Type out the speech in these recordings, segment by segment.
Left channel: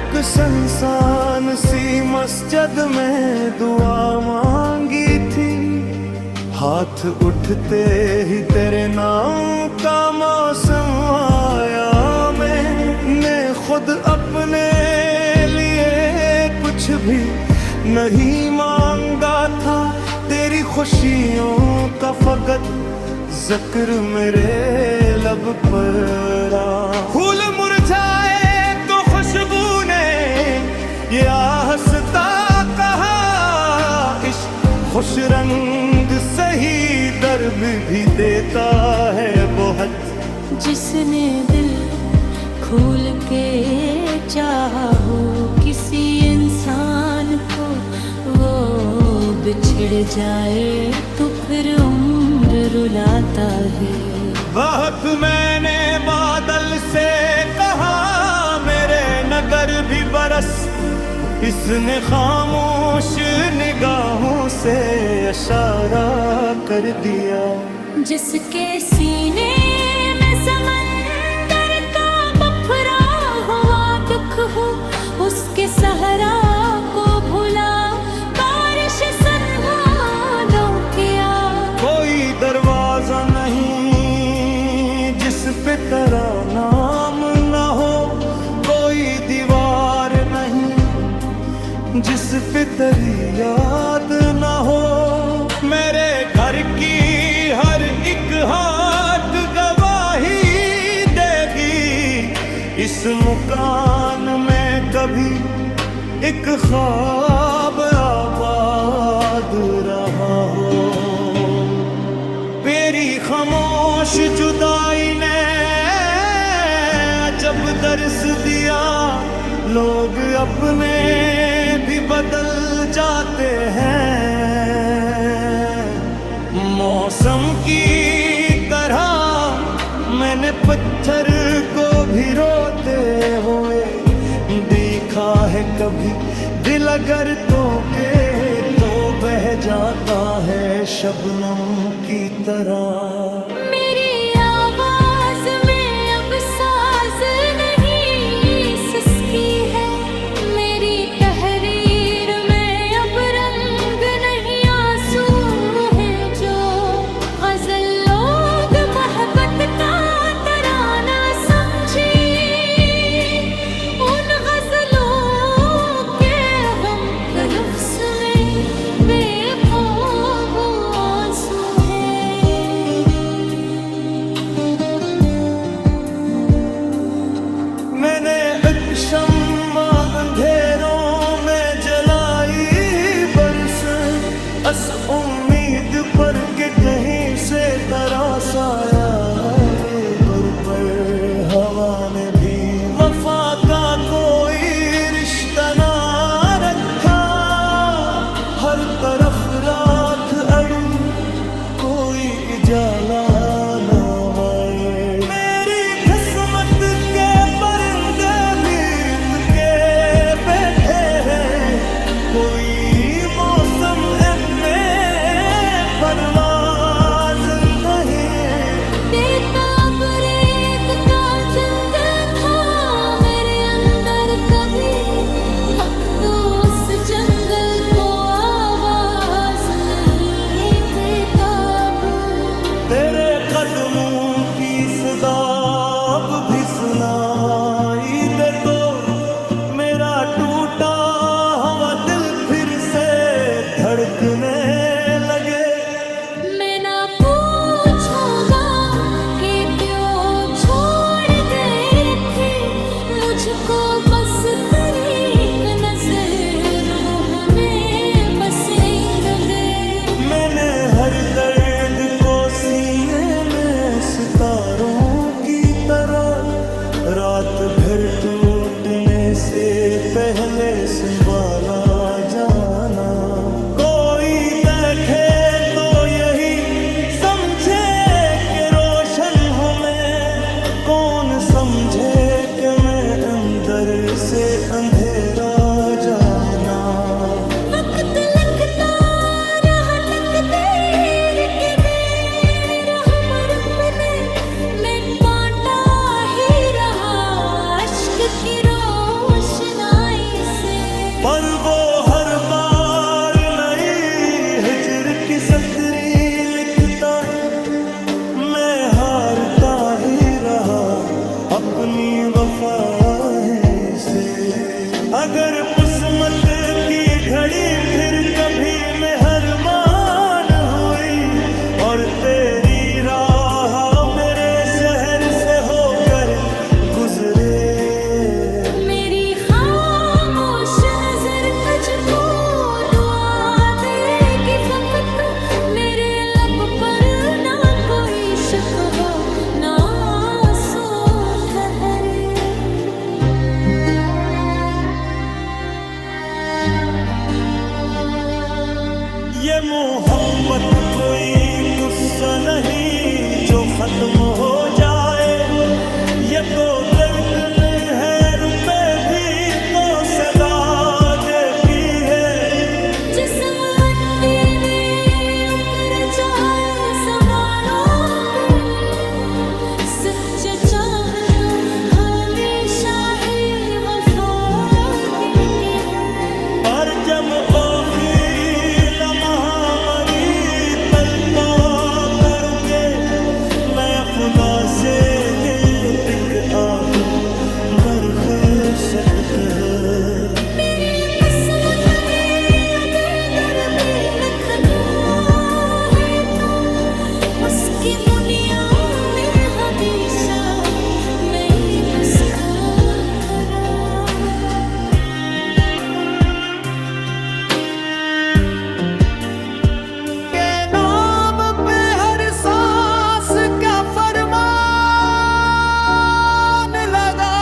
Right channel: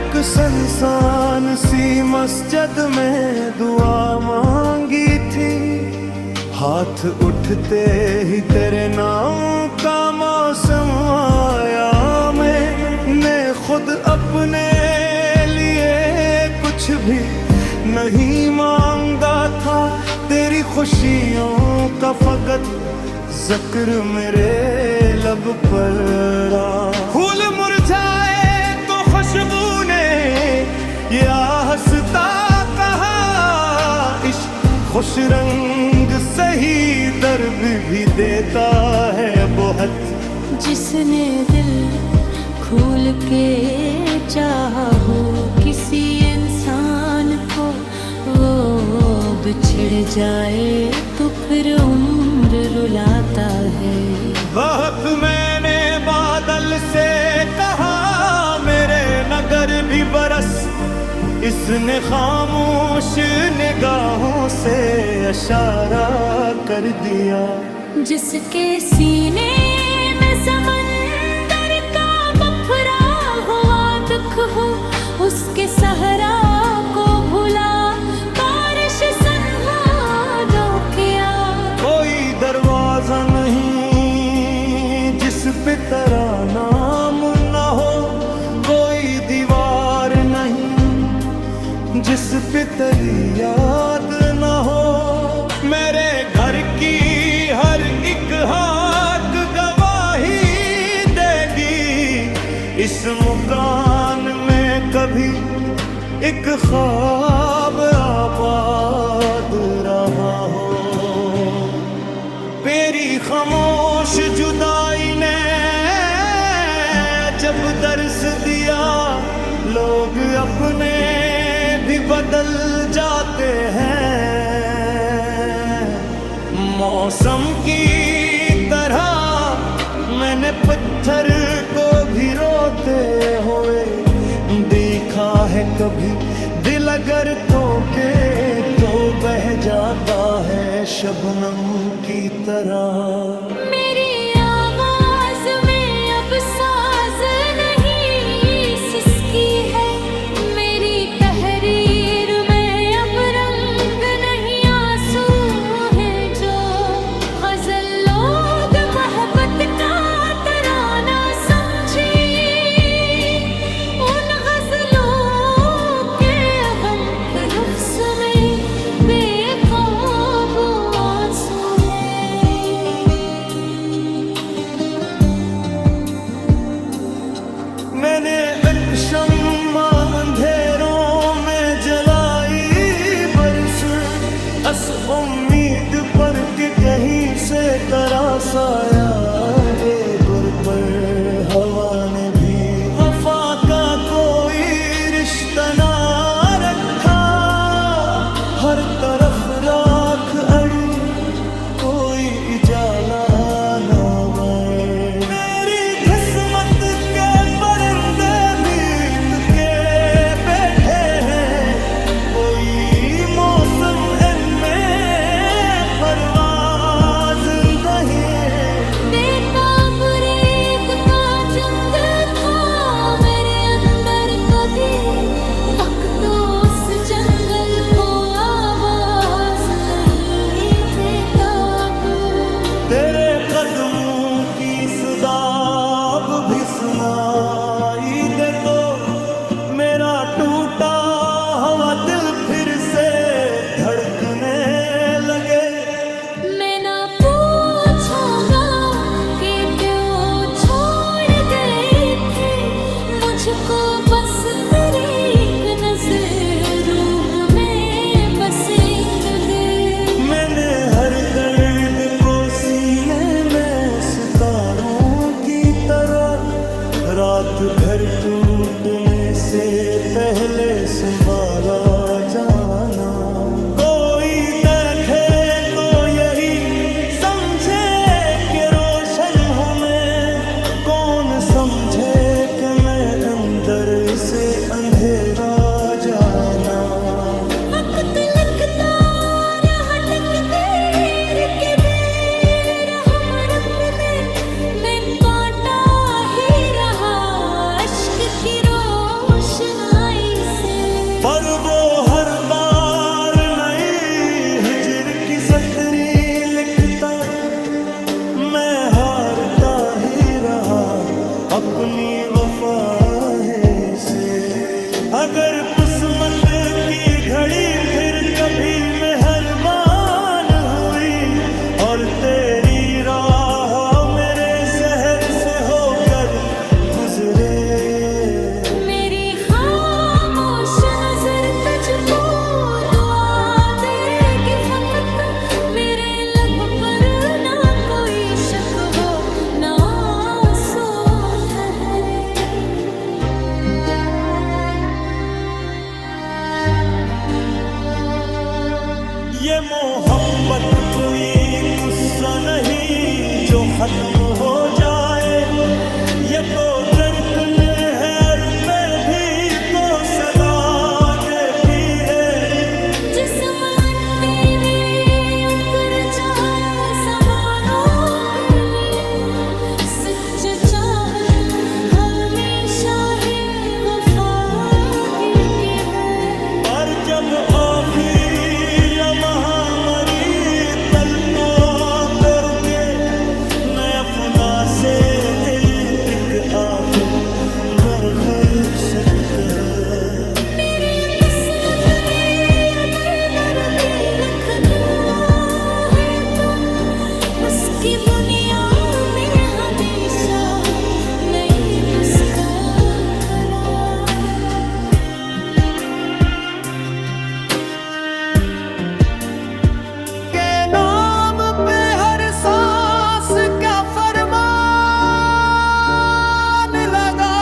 एक संसान सी मस्जिद में दुआ मांगी थी, हाथ उठते ही तेरे नाम का मौसम आया। मैंने खुद अपने लिए कुछ भी नहीं मांगा था, तेरी खुशियों का फकत जिक्र मेरे लब पर आ। फूल मुरझाए तो खुशबू ने ये हंसता कहा, इश्क खुश रंग सही दर्द भी देता है बहुत। जिसने दिल खोल के चाहा हो किसी इंसान को, वो बिछड़ जाए तो फिर उम्र रुलाता है। वक्त मैंने बादल से कहा मेरे नगर भी बरस, इसने खामोश निगाहों से इशारा कर दिया। जिसके सीने में समंदर का बफरा हुआ दुख हो, उसके सहरा को भुला बारिश सन्हा दो किया। कोई दरवाजा नहीं जिस पे तेरा नाम ना हो, कोई दीवार नहीं जिस पे तेरी याद ना हो। मेरे घर की हर एक हाथ गवाही देगी, इस मकान में कभी एक ख्वाब आबाद रहा हो। तेरी खामोश जुदाई ने जब दर्स दिया, लोग अपने भी बदल जाते हैं। मौसम की तरह मैंने पत्थर को भी रोते हुए देखा है कभी। दिल अगर तोके तो बह जाता है शबनम की तरह। मेरी आवाज में अब साज नहीं सिसकी है, मेरी तहरीर में अब रंग नहीं आंसू है। जो गजल लोग मोहब्बत का तराना समझी, उन गजलों के गम के लफ्ज़ में बेखौफ आंसू है। मैंने एक शम्मा अंधेरों में जलाई बरस, अस उम्मीद पर के कहीं से तरासाया गुर पर। हवा ने भी वफा का कोई रिश्ता ना रखा, हर तरफ राख अड़ी कोई इजाला ना आए। मेरी किस्मत के परिंदे भी तुके बैठे हैं, कोई मौसम इनमें परवाज नहीं देता। ब्रेक का जंग था मेरे अंदर कभी, वक्त उस जंगल को आवाज नहीं देता अब। तेरे कदमों की सदाब भी सुनाई दे तो, मेरा टूटा हुआ दिल फिर से धड़कने लगे। मैं ना पूछूंगा कि क्यों छोड़ गए थे मुझको, बस तेरी एक नजर रूह में बसेंगे दे। मैंने हर दर्द को सीने में सितारों की तरह रात भर टूटने से पहले संभाला जाना। कोई देखे तो यही समझे कि रोशन हूँ मैं, कौन समझे कि मैं अंदर से अंधेरा जाए ना। वक्त लगता रहा तकदीर के बेर हमर अपने में बांटा ही रहा, अश्क की रोशना सतरी लिखता मैं हारता ही रहा अपनी वफाएं से। अगर किस्मत की घड़ी फिर कभी मेहरबान हुई और तेरी राह मेरे शहर से होकर गुजरे, मेरी खामोश नजर तुझको दुआ देगी फकत, मेरे लब पर ना कोई शक हो ना आंसू ठहरे। ये मोहब्बत कोई गुस्सा नहीं जो खत्म हो जाए, ये तो दरकन है रुपए भी तो सदा देती है। जिस्म अंटी में उतर जाए सामानों के लिए, सच्च चाहत हमेशा ही वफा की है। पर जब आखिरी लम्हा मरी तलपा पे रुके, नया खुदा से दिल टिक आखिर बरखशत कहा। मेरी किस्मत में अगर दर्द लिखना है तो उसकी बुनियाद में हमेशा नई मुस्कुरा। के नाम पे हर सांस क्या फरमान लगा,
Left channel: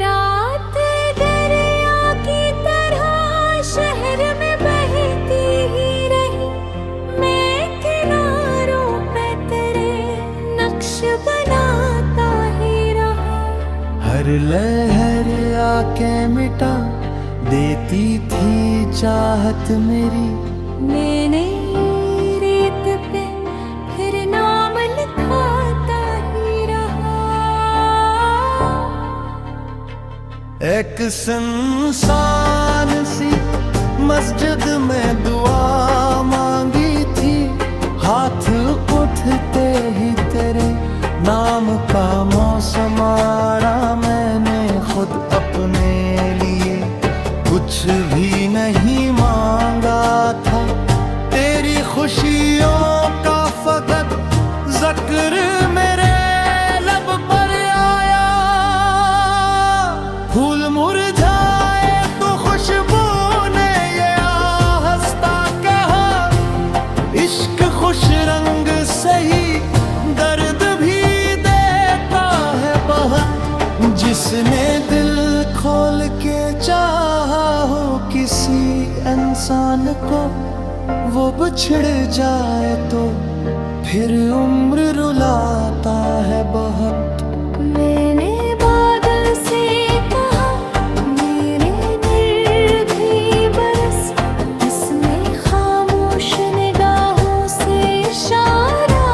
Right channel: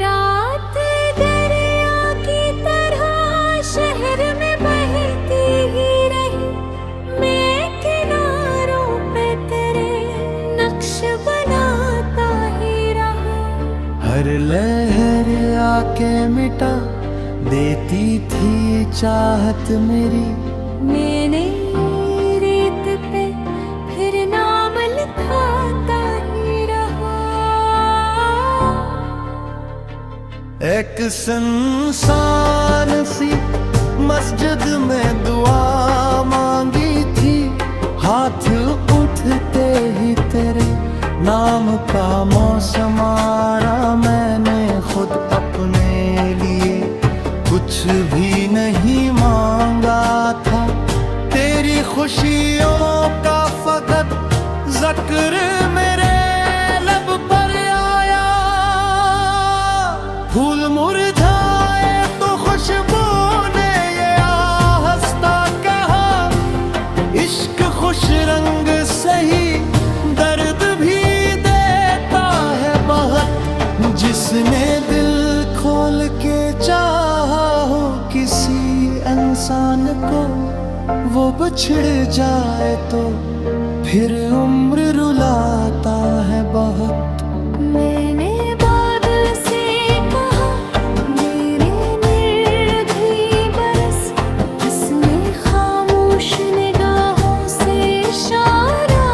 रात दरिया की तरह शहर में बहती ही रही, मैं किनारों पे तेरे नक्श बनाता ही रहा। हर लहर आके मिटा देती थी चाहत मेरी, मैंने रेत पे फिर नाम लिखाता ही रहा। एक संसान सी मस्जिद में दुआ मांगी थी, हाथ उठते ही तेरे नाम का मौसम आरा। मैंने खुद अपने लिए कुछ भी नहीं मांगा था, तेरी खुशियों का फकत जिक्र मेरे लब पर आया। फूल मुरझाए तो खुशबू ने ये आहिस्ता कहा, इश्क खुश रंग सही दर्द भी देता है बहुत। जिसने दिल खोल के चाहा हो किसी इंसान को, वो बिछड़ जाए तो फिर उम्र रुलाता है बहुत। मैंने बादल से कहा मेरे निर्घी बरस, उसने खामोश निगाहों से इशारा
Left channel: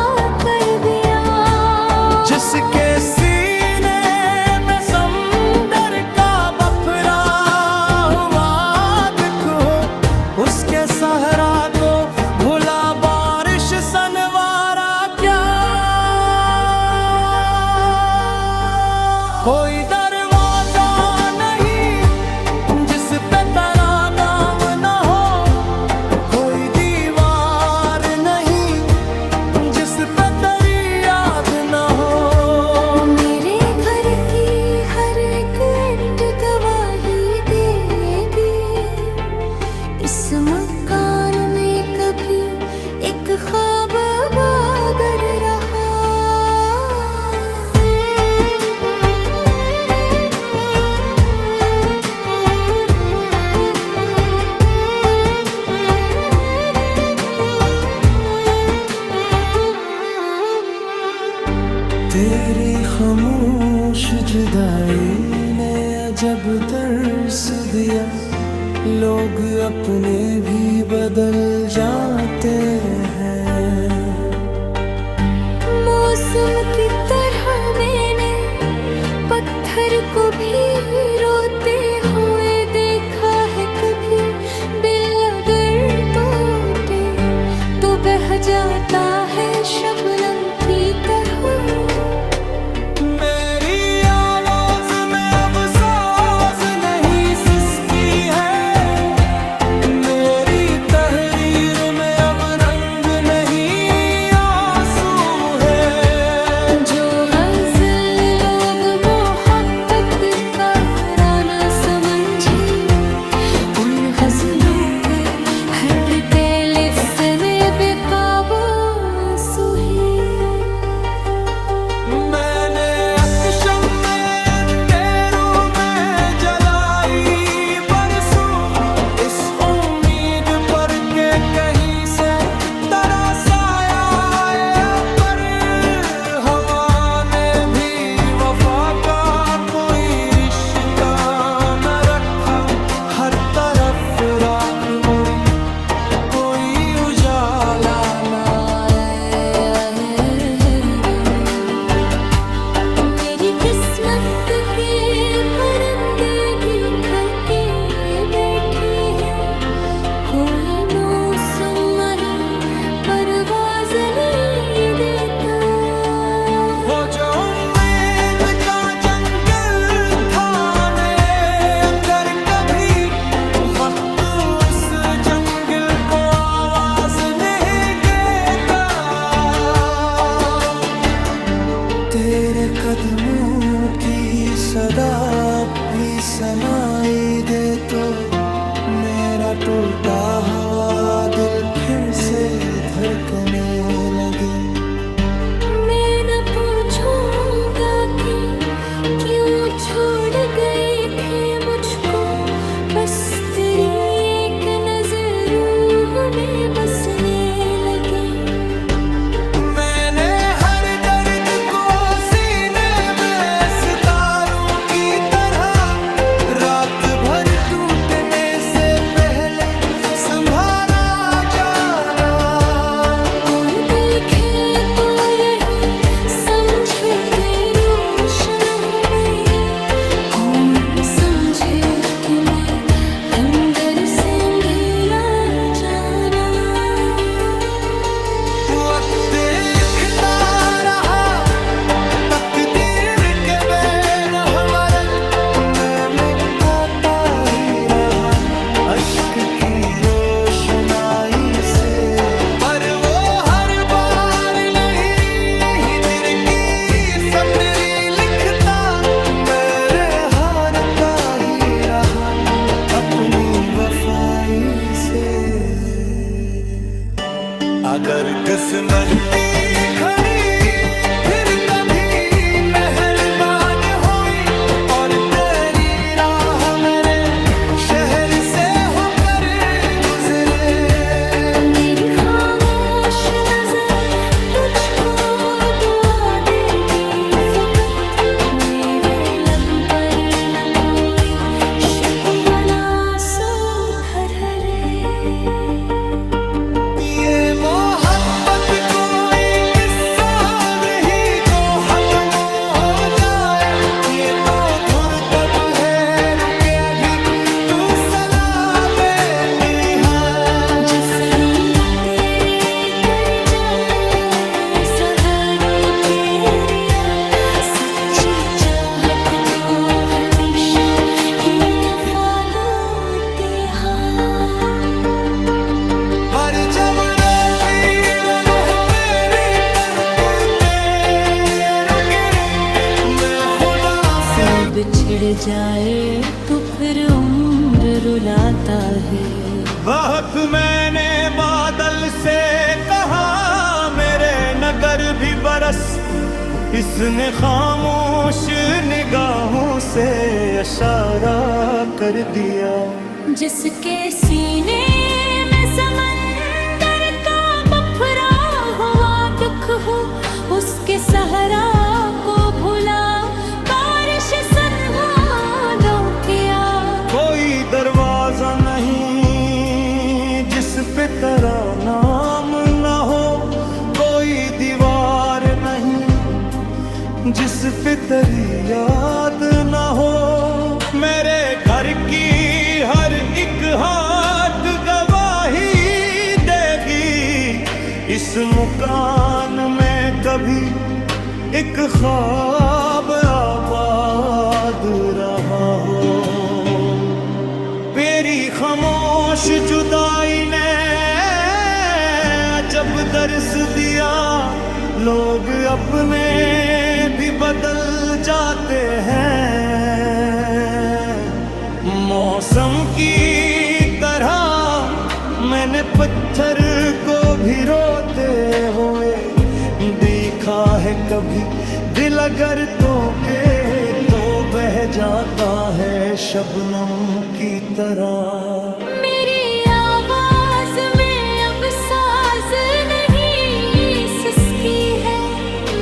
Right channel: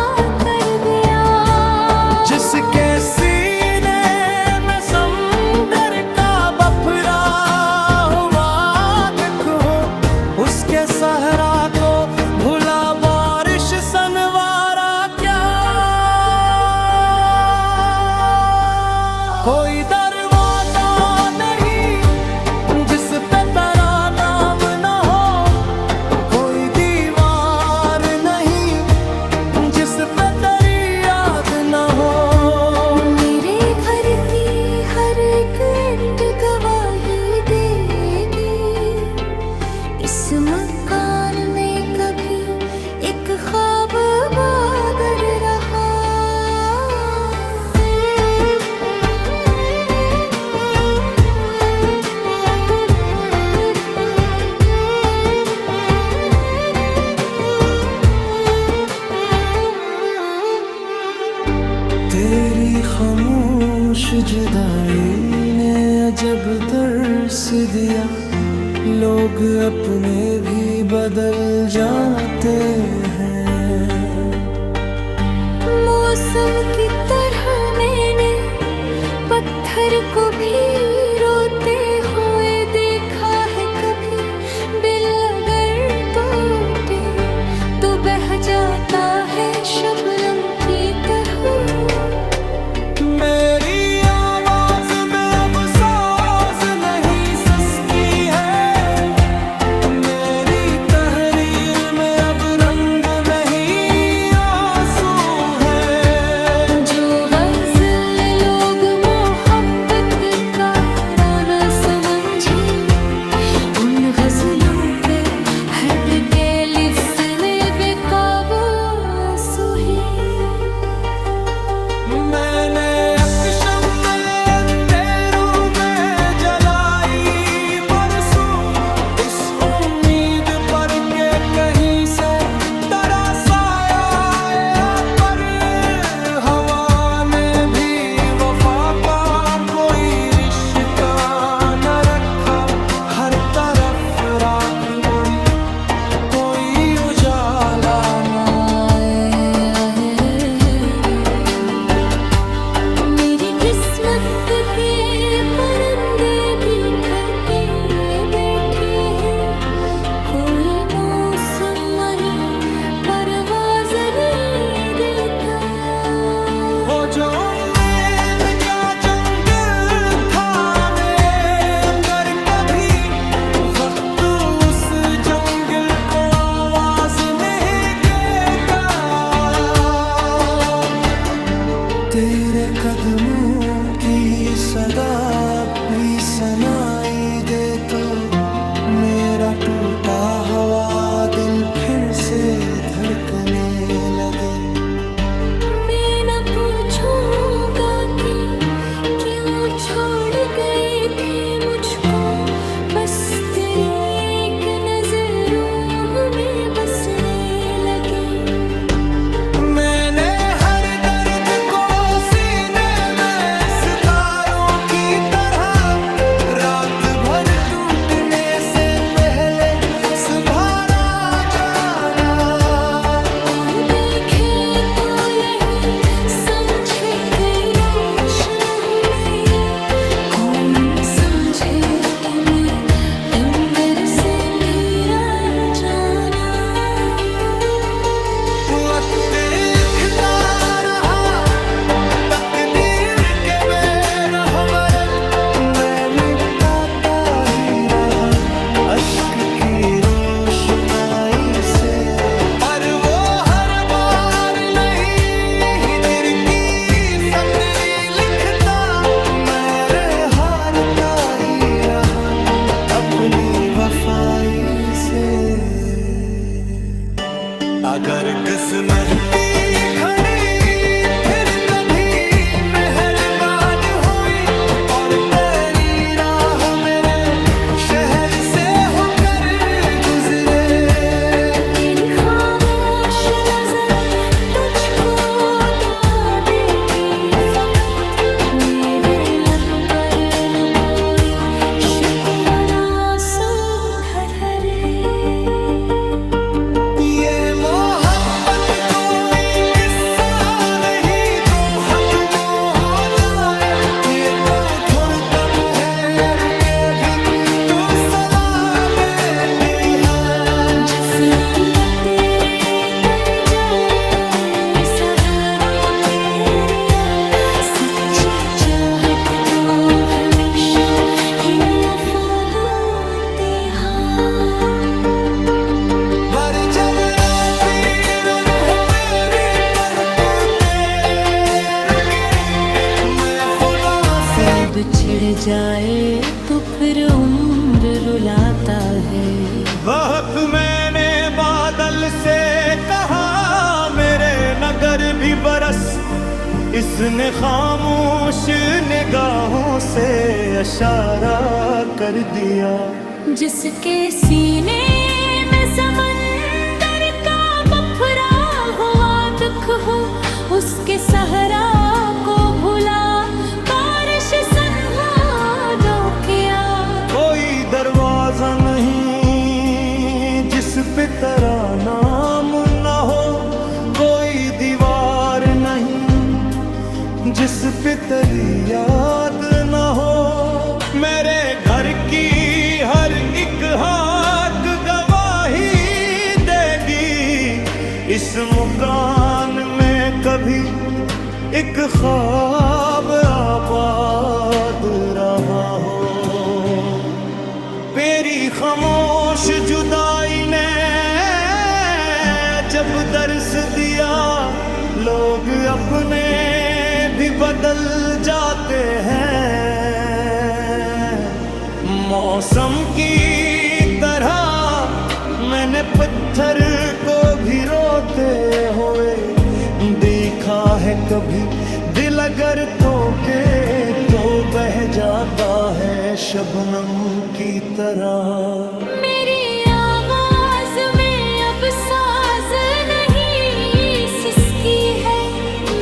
कर दिया। जिसके सीने में समंदर का बफरा हुआ देखो, उसके सहरा को भुला बारिश सनवारा क्या। कोई दरवाजा नहीं जिस पे तेरा नाम न हो, कोई दीवार नहीं जिस पे तेरी याद न हो। मेरे घर की हर एक ईंट गवाही देगी, इस मकान में कभी एक ख्वाब बादल रहा। तेरी खामोश जुदाई ने अजब दर्स दिया, लोग अपने भी बदल जाते हैं। मौसम की तरह मैंने पत्थर को भी रोते हुए देखा है कभी, दिल अगर तो जाता है शबनम की तरह। मेरी आवाज में अब साज नहीं सिसकी है, मेरी तहरीर में अब रंग नहीं आंसू है। जो गज़ल लोग मोहब्बत का राना समझे, उन गज़लों पे हट गए लिफ्ज़ने बेकाबू सुही। मैंने अक्षम में अंधेरों में जलाई बरसों, इस उम्मीद पर के कहीं से तरसाया आया, पर हवा ने भी वफा का कोई रिश्ता न रखा। हर तरफ राख उड़ी, कोई उजाला न आए। मेरी किस्मत के परिंदे भी थके बैठे हैं, कोई मौसम नहीं परवाज़ नहीं देता। वो जो उम्मीद का जंगल था मेरे अंदर, कभी वक्त उस जंगल को आवाज नहीं देता। तेरे कदमों की सदा भी सुनाई दे तो मेरा टूटा हवा दिल फिर से धड़कने लगे। मैं न पूछूंगा कि क्यों छोड़ गए थे मुझको, बस तेरी एक नजर रूह में बसने लगे। मैंने हर दर्द को सीने में सितारों की तरह रात भर टूटने से पहले संभाला जाना। कोई देखे तो यही समझे कि रोशन हूँ मैं, कोई समझे कि मैं अंदर से अंधेरा जाना। वक्त देखता रहा तकदीर के बेरहमत, मैं मिटाता ही रहा अश्क की रोशनाई से। पर वो हर बार नहीं दिल की सतरी लिखता, मेरे हारता ही रहा अपनी वफाई से। अगर किस्मती घड़ी फिर कभी मेहरबान हुई और तेरी राह मेरे शहर से होकर गुजरे, मेरी खामोश नजर तुझको दुआ देगी फकत, मेरे लब पर न कोई शिकवा ना सो धरे। ये मोहब्बत कोई किस्सा नहीं तो खत्म हो जाए, ये तो धुर तब है रुके भी तू सला देती है। जिस नींद तेरे कर जाए सवारों के रिया, सच्ची चाहत तो हमेशा ही वफा देती है। पर जब राती रूह तेरी पर तू रुके, मैं खुदा से बिछड़ जाए तो फिर उम्र रुलाता है। वक्त मैंने बादल से कहा मेरे नगर भी बरस, इसने खामोश निगाहों से इशारा कर दिया। जिसके सीने में समंदर का बफरा हुआ दुख हो, उसके सहरा को भुला बारिश सन्हा दो किया। कोई दरवाजा नहीं जिस पे तेरा नाम न हो, कोई दीवार नहीं जिस पे तेरी याद न हो। मेरे घर की हर एक हाथ गवाही देगी, इस मकान में कभी एक ख्वाब आबाद रहा हो। मेरी खामोश जुदाई ने जब दर्स दिया, लोग अपने भी बदल जाते हैं। मौसम की तरह मैंने पत्थर को भी रोते हुए देखा है कभी। दिल अगर तोके तो बह जाता है शबनम की तरह। मेरी आवाज में अब साज नहीं सिसकी है,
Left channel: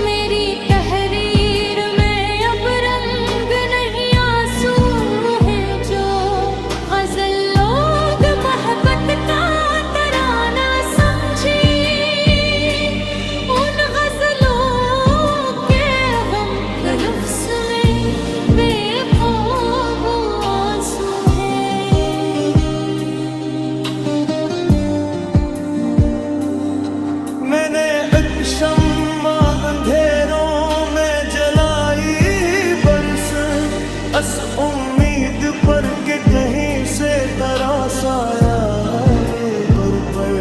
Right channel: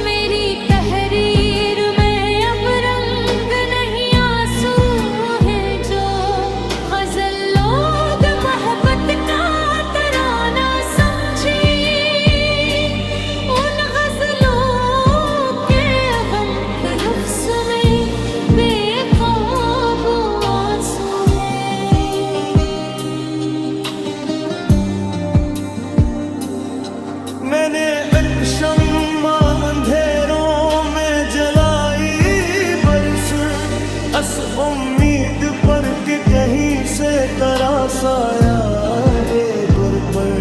मेरी तहरीर में अब रंग नहीं आंसू है। जो गजल लोग मोहब्बत का तराना समझी, उन गजलों के गम के लफ्ज़ में बेखौफ आंसू है। मैंने एक शम्मा अंधेरों में जलाई बरस, अस उम्मीद पर के कहीं से तरासाया गुर पर।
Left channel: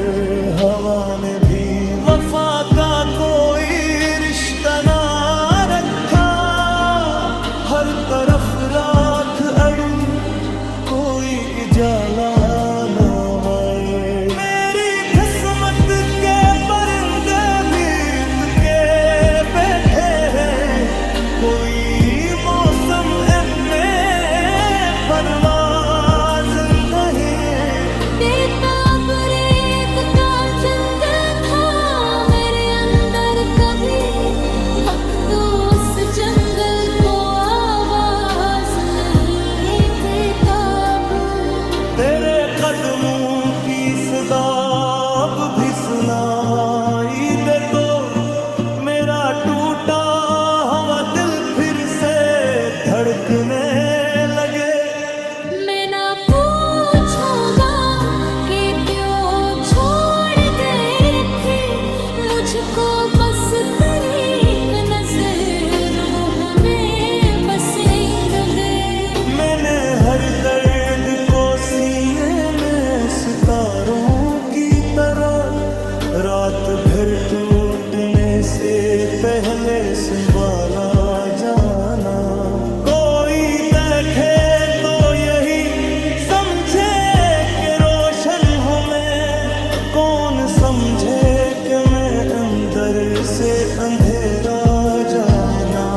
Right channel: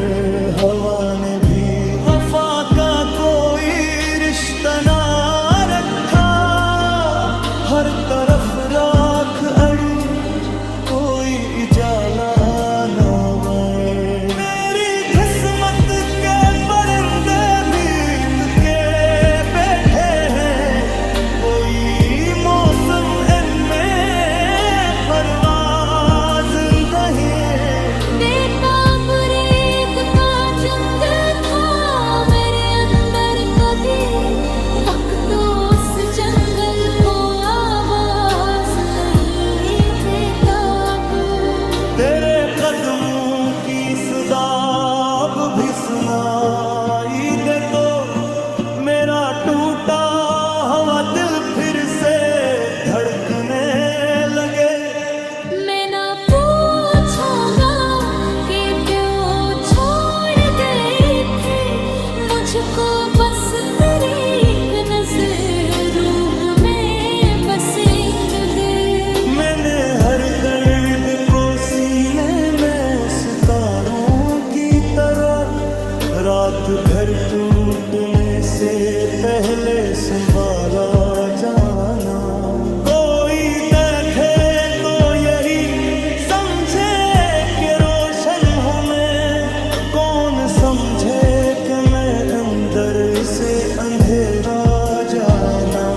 हवा ने भी वफा का कोई रिश्ता ना रखा, हर तरफ राख अड़ी कोई इजाला ना आए। मेरी किस्मत के परिंदे भी तुके बैठे हैं, कोई मौसम इनमें परवाज नहीं। बेताब रेत का जंगल था मेरे अंदर कभी, वक्त उस जंगल को आवाज नहीं देता अब। तेरे कदमों की सदा अब भी सुनाई दे तो मेरा टूटा हुआ दिल फिर से धड़कने लगे। मैं ना पूछूंगा कि क्यों छोड़ गए थे मुझको, बस तेरी एक नजर रूह में बसेंगे दे। मैंने हर दर्द को सीने में सितारों की तरह रात भर टूटने से पहले संभाला जाना। कोई देखे तो यही समझे कि रोशन हूँ मैं, कौन समझे कि मैं अंदर से अंधेरा जाए ना।